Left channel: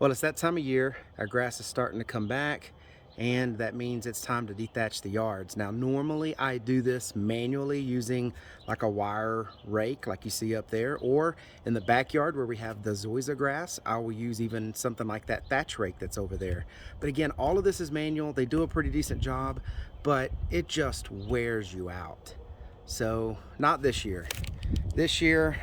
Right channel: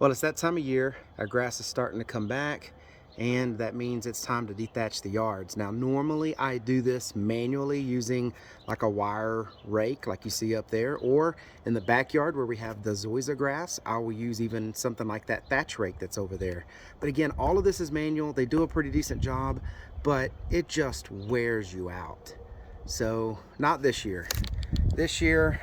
Well, it's that time of year. Our grass is starting to come back, and that means it's time to dethatch the yards. Now, normally I do this manually using like a wire rake like you see up there, or in the backyard where we have the zoysia grass, I will use even something like that thatch rake that's over there. But again, all of this is manual. They do a pretty decent job, but it just wears you out. So, not this year. This year,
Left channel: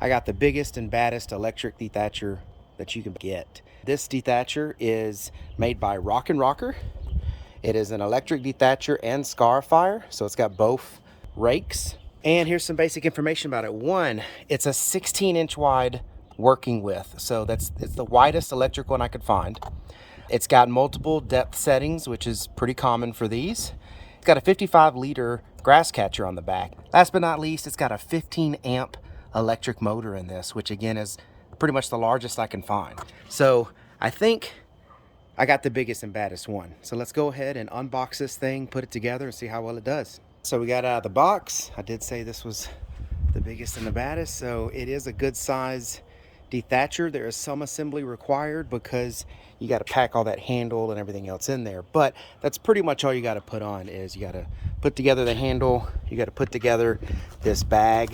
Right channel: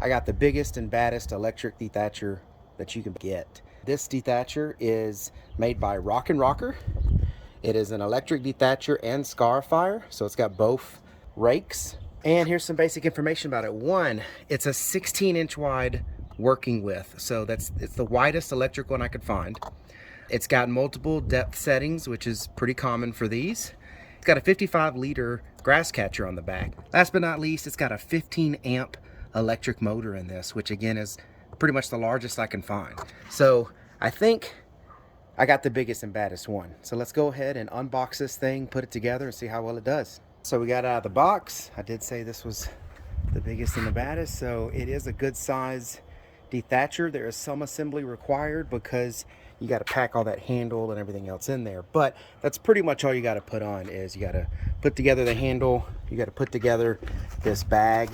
I got the biggest and baddest electric dethatcher that you can get. This dethatcher is made by Rock&Rocker. It is an electric dethatcher and scarifier, so it's got both rakes. And here's some basic information about it. One, it's a 16-inch wide working width, so it's the widest electric one I could find. It's got multiple depth settings, which is pretty common for these. It's got a 55-liter grass catcher on the back. Last but not least, it's got a 15-amp electric motor in this, which again is pretty much the largest I can find. So I think I got the biggest and baddest one. So let's go ahead and unbox this thing, put it together, and see how well it does. So we got out of the box. I did say this was the biggest and the baddest, so it is a good size dethatcher. There is some assembly required because you got to pack all that handle and everything else in there, but that's pretty much all you got to put on. Is you got to put together the handle, you got to put together this bag.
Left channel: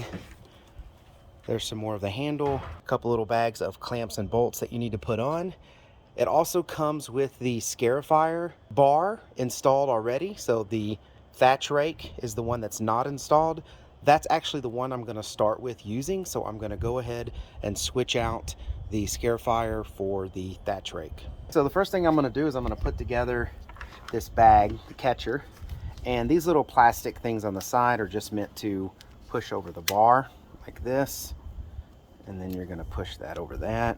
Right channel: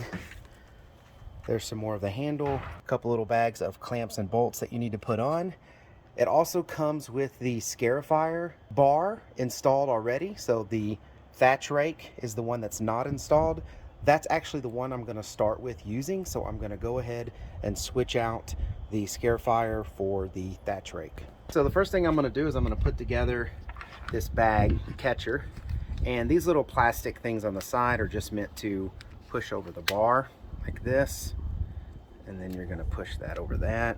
There's some more of the handle, a couple little bags of clamps and bolts that you need to put on. It also comes with the Scarifier bar installed already. So the thatch rake is the one that's not installed. That's actually the one I'm going to start with using. So I'm going to go ahead and switch out the Scarifier for the thatch rake. So the first thing I'm going to do is I'm going to put together this bag, the catcher. And these little plastic things on the side are just meant to push over the bar like this. And then you're going to push that over that.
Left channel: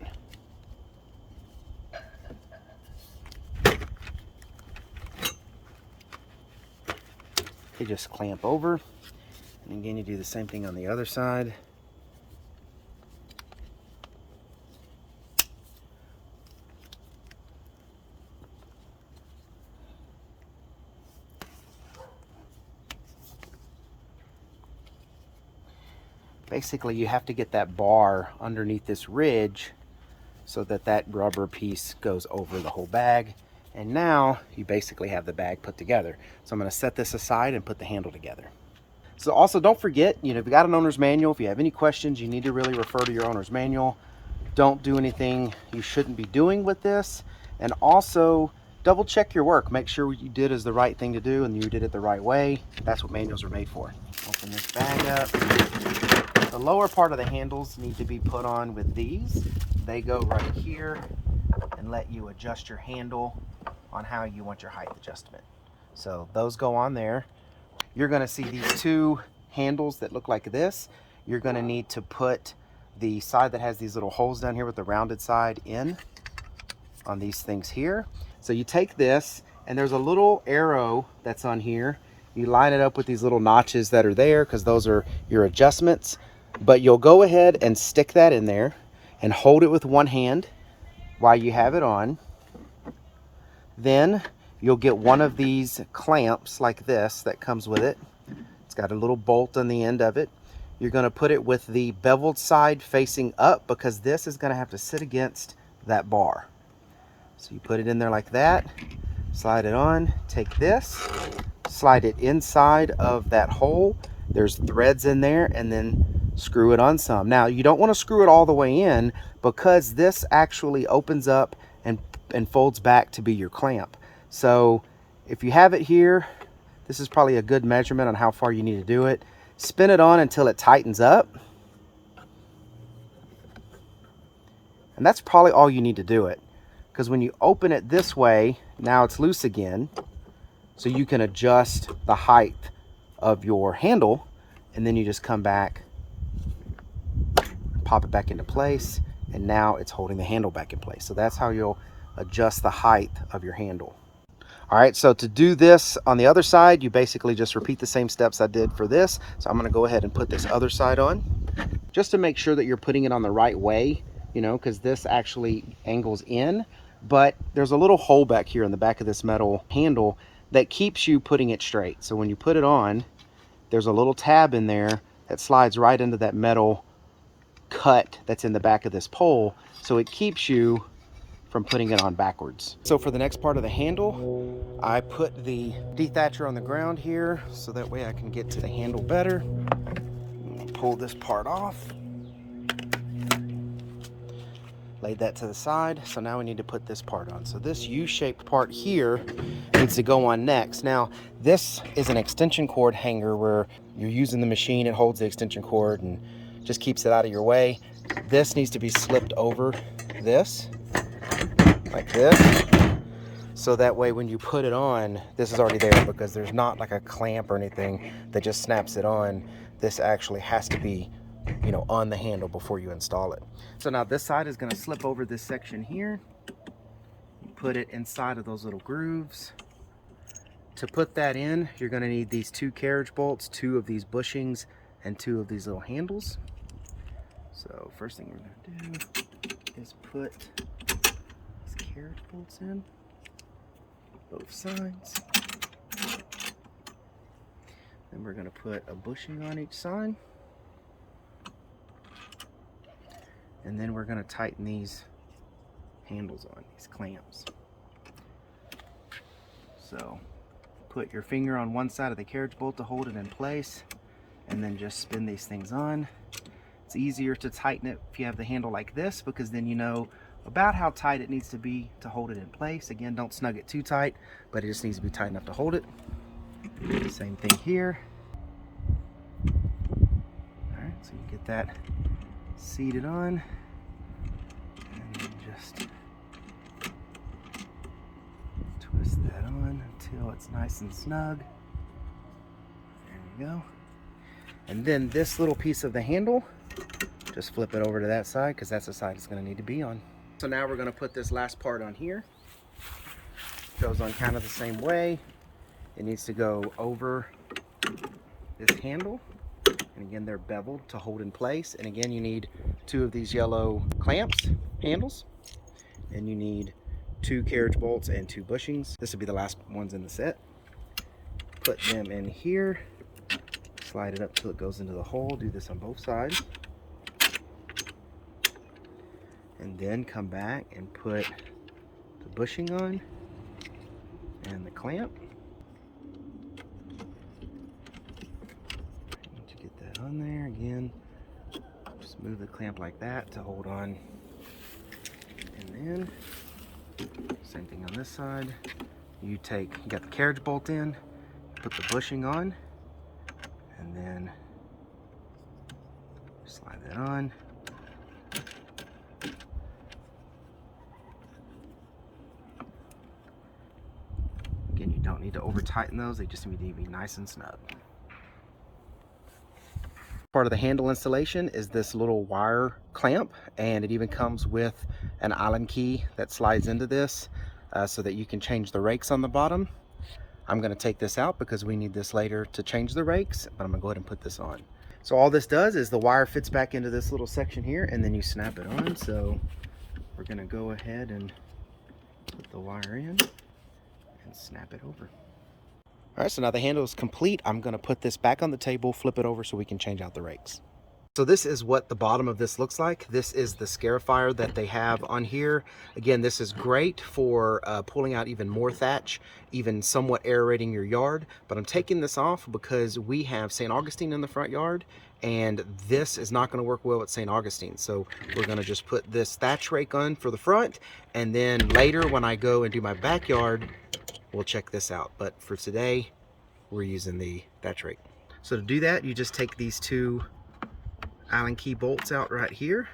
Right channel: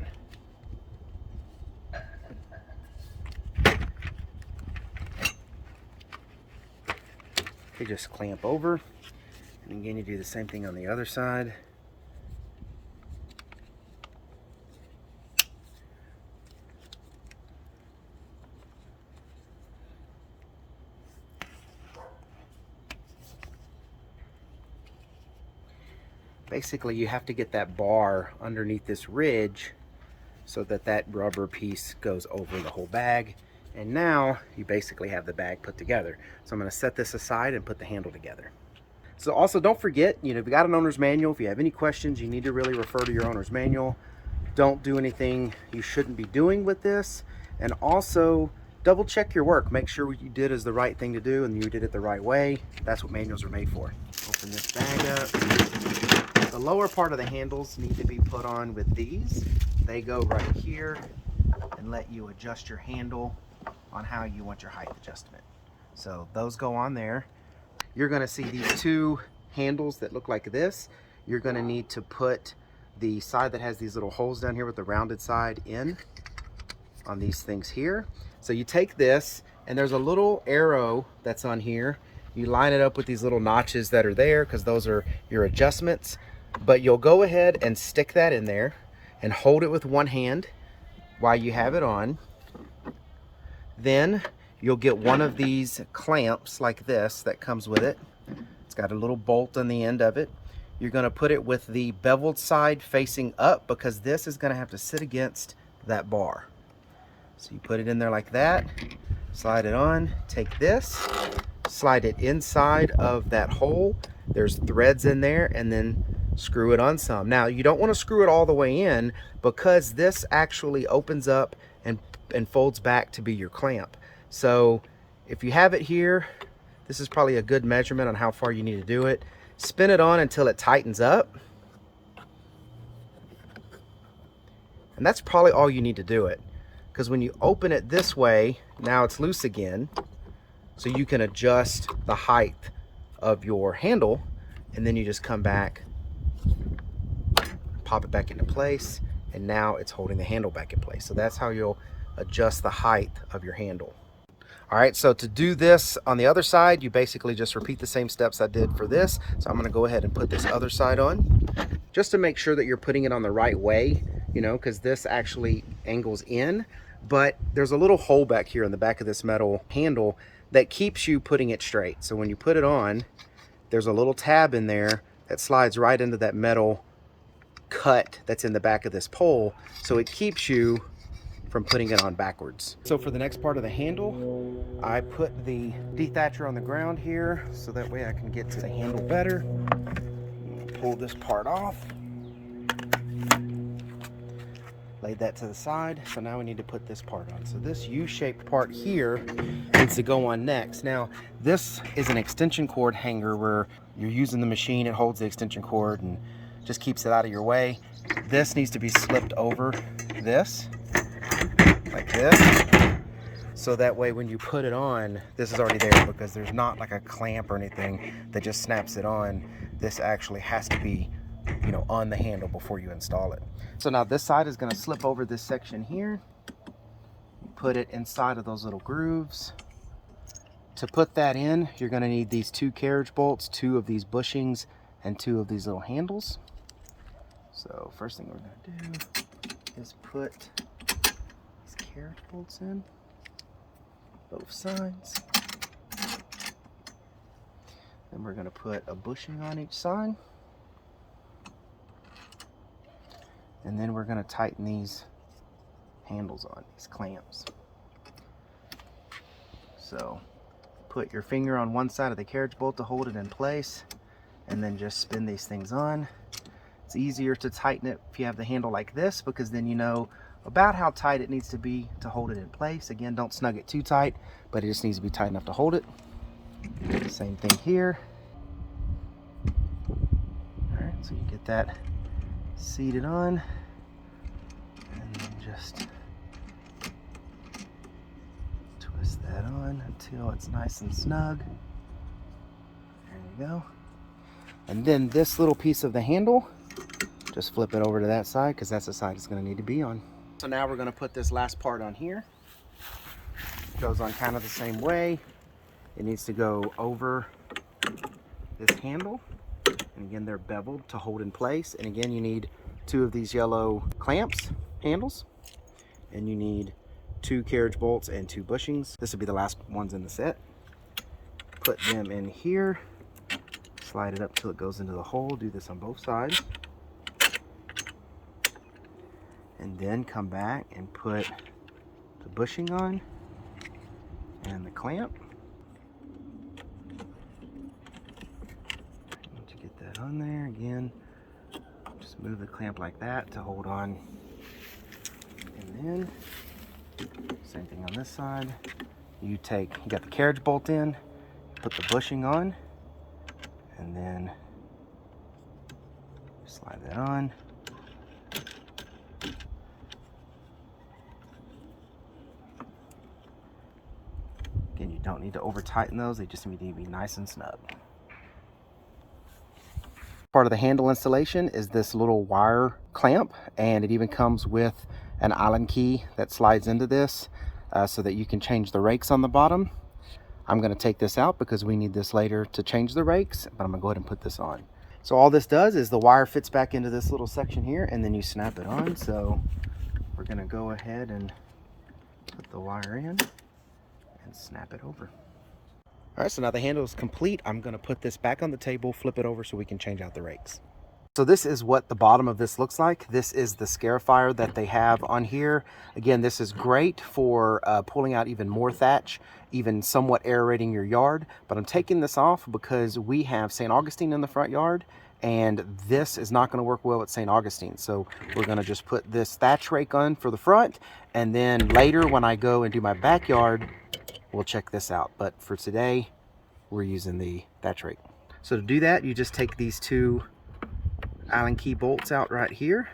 You just clamp over, and again you do the same thing on the other side. Basically you have to get that bar underneath this ridge so that that rubber piece goes over the whole bag, and now you basically have the bag put together. So I'm going to set this aside and put the handle together. So also don't forget, if you got an owner's manual, if you have any questions, you need to really refer to your owner's manual. Don't do anything you shouldn't be doing with this, and also double check your work. Make sure what you did is the right thing to do and you did it the right way. That's what manuals are made for. Open this bag up. The lower part of the handles need to be put on with these. They go right here and let you adjust your handle on how you want your height adjustment. So those go on there. You're going to see these two handles that look like this. You're going to need to put the side that has these little holes down here with the rounded side in on these things here. So you take this, and there's a little arrow that's on here. You line it up with these little notches that are there because those are your adjustments. But you'll go ahead and stick that in there and hold it with one hand while you have it on. Then you'll get one of these clamps like this that comes with it. It's got a little bolt on the end of it. You're going to put it with the beveled side facing up because this is going to have to sit against that bar. So you put it in there like that, slide it on, take this, slide it inside of that hole. There's threads in there, and then screw it on some. Now you don't want to screw it all the way in because this actually opens up and folds back to be your clamp. So if you have it here, this is probably a good measurement on how far you need to do it. Spin it on until it tightens up. And that's probably all you need to do it. Because when you open it this way, now it's loose again. So you can adjust the height of your handle, and then you just come back, pop it back into place, and now it's holding the handle back in place. So that's how you'll adjust the height of your handle. All right, so to do this on the other side, you basically just repeat the same steps I did for this. So I'm going to go ahead and put this other side on just to make sure that you're putting it on the right way, because this actually angles in, but there's a little hole back here in the back of this metal handle that keeps you putting it straight. So when you put it on, there's a little tab in there that slides right into that metal cut that's in the back of this pole, so it keeps you from putting it on backwards. So for the next part of the handle, I put the dethatcher on the ground here so that way I can get to the handle better. Pull this part off. Laid that to the side, so now we need to put this part on. So this U-shaped part here needs to go on next. Now, this is an extension cord hanger where you're using the machine, it holds the extension cord and just keeps it out of your way. This needs to be slipped over this, like this, so that way when you put it on, this is already there because there's not like a clamp or anything that just snaps it on. This actually has to be, you know, on the handle before you install it. So now this side is going to slip over this section here, put it inside of those little grooves. To put that in, you're going to need these 2 carriage bolts, 2 of these bushings, and 2 of these little handles. So first thing we're going to do is put these carriage bolts in, both sides. Then we're going to put a bushing on each side. And then we're going to tighten these handles on, these clamps. So put your finger on one side of the carriage bolt to hold it in place, and then just spin these things on. It's easier to tighten it if you have the handle like this, because then you know about how tight it needs to be to hold it in place. Again, don't snug it too tight, but it just needs to be tight enough to hold it. Same thing here. All right, so you get that seated on, and then just twist that on until it's nice and snug. There we go. And then this little piece of the handle, just flip it over to that side because that's the side it's going to need to be on. So now we're going to put this last part on here. Goes on kind of the same way. It needs to go over this handle. And again, they're beveled to hold in place. And again, you need 2 of these yellow clamps, handles. And you need 2 carriage bolts and 2 bushings. This will be the last ones in the set. Put them in here. Slide it up till it goes into the hole. Do this on both sides. And then come back and put the bushing on and the clamp. On there again, just move the clamp like that to hold on, and then same thing on this side. You got the carriage bolt in, put the bushing on, and then slide that on. Again, you don't need to over tighten those, they just need to be nice and snug. Part of the handle installation is this little wire clamp, and it even comes with an Allen key that slides into this so that you can change the rakes on the bottom. I'm going to take this out because we need this later to change the rakes, but I'm going to go ahead and put this on. So all this does is the wire fits back into this little section here, and then you snap it on. So we're going to go ahead and put the wire in and snap it over. All right, so now the handle is complete. I'm going to put this back on the table, flip it over so we can change out the rakes. So this is what the bottom of this looks like. This is the scarifier that they have on here. Again, this is great for pulling out even more thatch, even somewhat aerating your yard. But I'm taking this off because we have St. Augustine in the front yard, and this is not going to work well at St. Augustine. So we're going to just put this thatch rake on for the front, and then later when I go and do my backyard, we'll check this out. But for today, we're using the thatch rake. So to do that, you just take these 2 Allen key bolts out right here.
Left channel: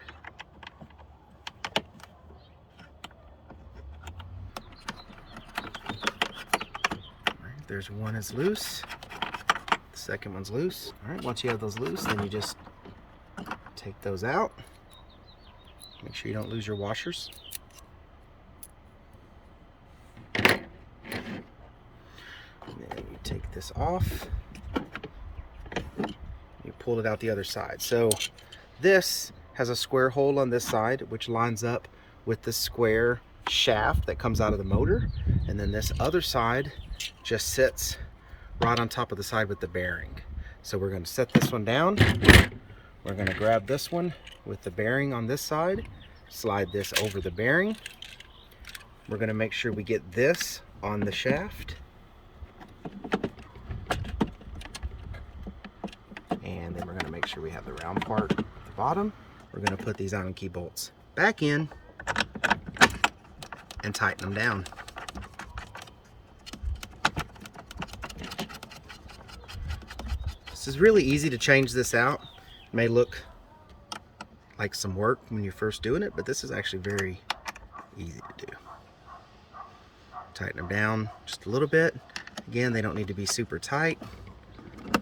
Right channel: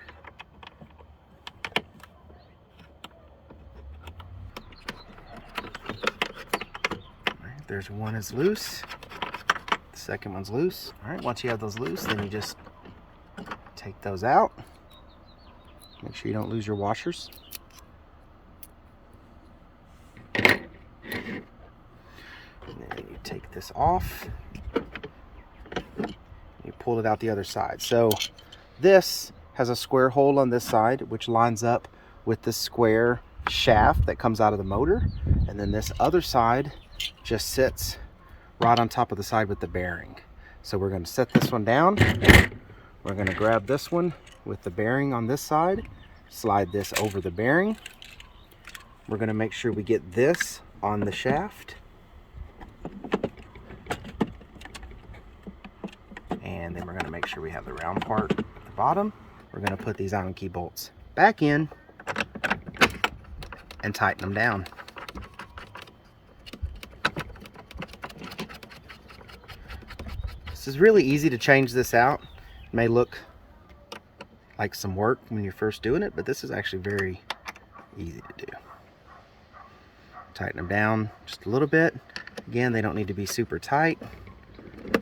Right, there's one is loose. The second one's loose. All right, once you have those loose, then you just take those out. Make sure you don't lose your washers. Take this off, you pull it out the other side. So this has a square hole on this side which lines up with the square shaft that comes out of the motor, and then this other side just sits right on top of the side with the bearing. So we're going to set this one down. We're going to grab this one with the bearing on this side, slide this over the bearing, we're going to make sure we get this on the shaft. And then we're going to make sure we have the round part at the bottom. We're going to put these Allen key bolts back in and tighten them down. This is really easy to change this out. It may look like some work when you're first doing it, but this is actually very easy to do. Tighten them down just a little bit. Again, they don't need to be super tight,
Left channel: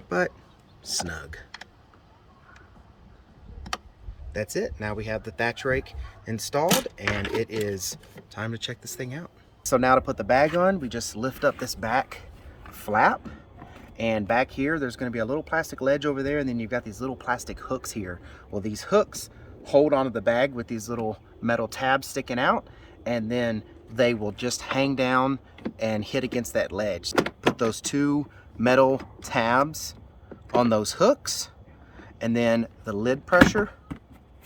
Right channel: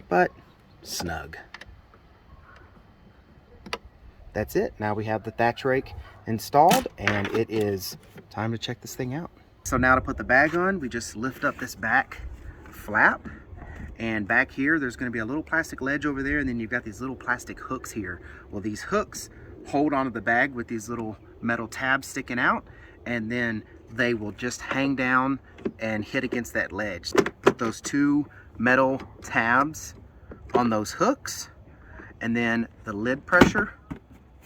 but snug. That's it. Now we have the thatch rake installed, and it is time to check this thing out. So now to put the bag on, we just lift up this back flap, and back here there's going to be a little plastic ledge over there, and then you've got these little plastic hooks here. Well, these hooks hold onto the bag with these little metal tabs sticking out, and then they will just hang down and hit against that ledge. Put those two metal tabs on those hooks, and then the lid pressure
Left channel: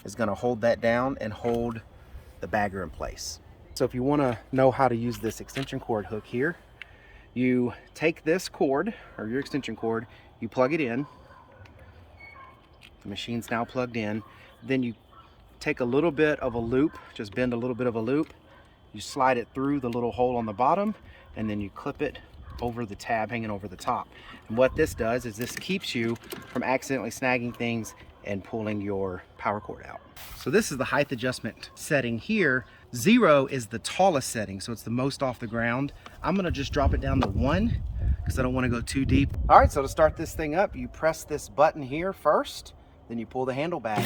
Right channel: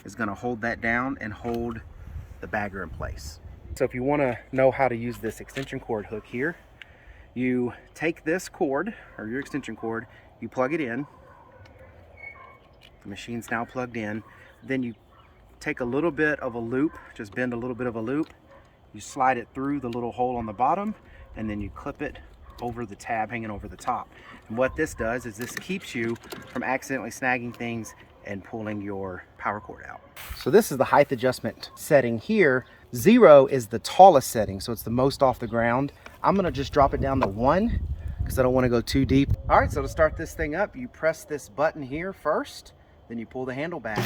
is going to hold that down and hold the bagger in place. So if you want to know how to use this extension cord hook here, you take this cord, or your extension cord, you plug it in. The machine's now plugged in. Then you take a little bit of a loop, just bend a little bit of a loop, you slide it through the little hole on the bottom, and then you clip it over the tab hanging over the top. And what this does is this keeps you from accidentally snagging things and pulling your power cord out. So this is the height adjustment setting here. 0 is the tallest setting, so it's the most off the ground. I'm gonna just drop it down to 1 because I don't want to go too deep. All right, so to start this thing up, you press this button here first, then you pull the handle back.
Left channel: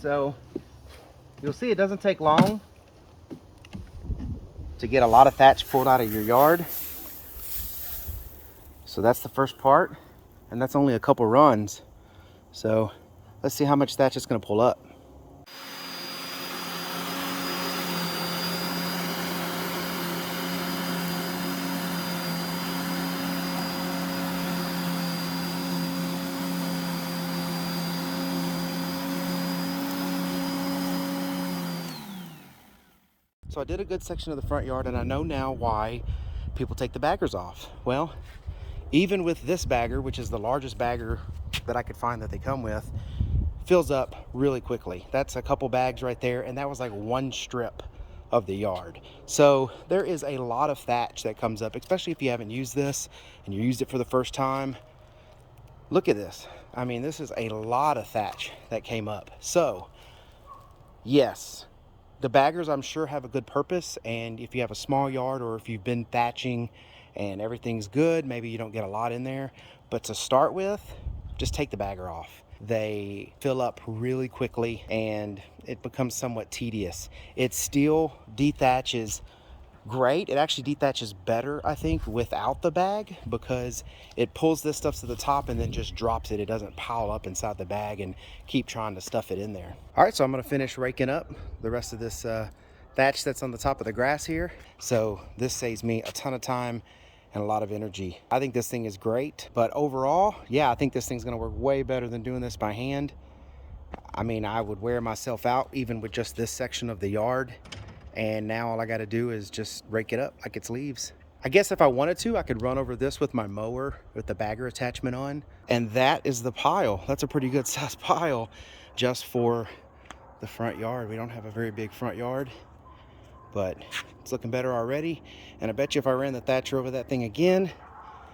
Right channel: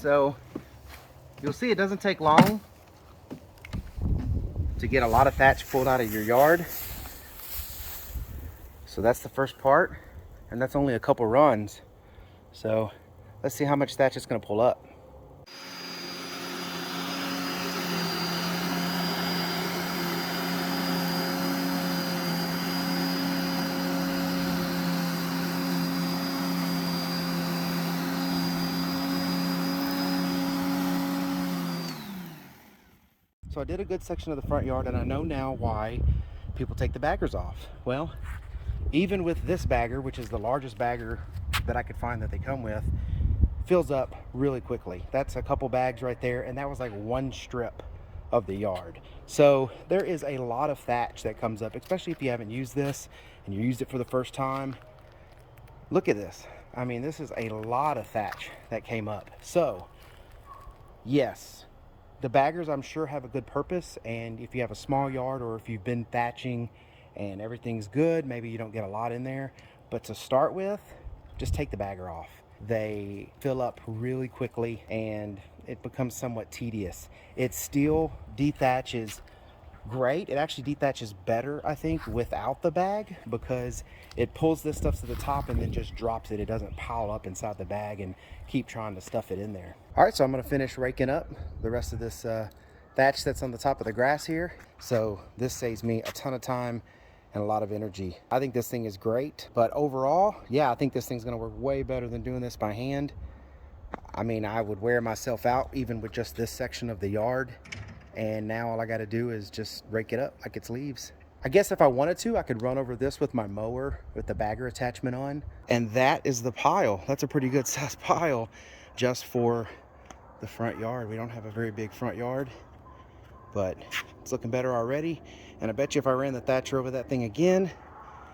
So you'll see it doesn't take long to get a lot of thatch pulled out of your yard. So that's the first part, and that's only a couple runs. So let's see how much thatch it's going to pull up. So I did a good section of the front yard, and I know now why people take the baggers off. Well, even with this bagger, which is the largest bagger that I could find that they come with, fills up really quickly. That's a couple bags right there, and that was like one strip of the yard. So there is a lot of thatch that comes up, especially if you haven't used this and you used it for the first time. Look at this. I mean, this is a lot of thatch that came up. So yes, the baggers, I'm sure, have a good purpose, and if you have a small yard or if you've been thatching and everything's good, maybe you don't get a lot in there. But to start with, just take the bagger off. They fill up really quickly and it becomes somewhat tedious. It still dethatches great. It actually dethatches better, I think, without the bag, because it pulls this stuff to the top and then just drops it. It doesn't pile up inside the bag and keep trying to stuff it in there. All right, so I'm going to finish raking up the rest of this thatch that's on the top of the grass here. So this saves me a ton of time and a lot of energy. I think this thing is great, but overall, yeah, I think this thing's going to work way better than doing this by hand. I mean, I would wear myself out even with just this section of the yard. And now all I got to do is just rake it up like it's leaves. I guess if I wanted to, I could run over this with my mower with the bagger attachment on. And that is the pile. That's a pretty good sized pile just for the front yard. We don't have a very big front yard, but it's looking better already. And I bet you if I ran the thatcher over that thing again,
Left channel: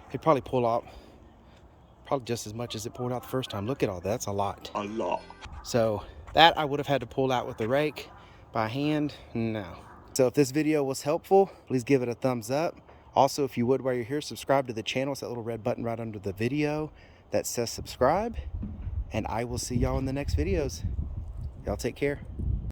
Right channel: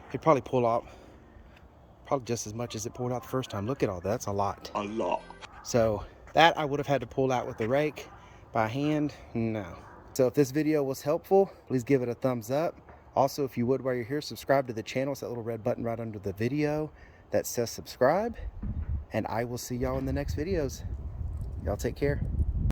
it'd probably pull out probably just as much as it pulled out the first time. Look at all that. That's a lot. A lot. So that I would have had to pull out with the rake. By hand, no. So if this video was helpful, please give it a thumbs up. Also, if you would, while you're here, subscribe to the channel. It's that little red button right under the video that says subscribe. And I will see y'all in the next videos. Y'all take care.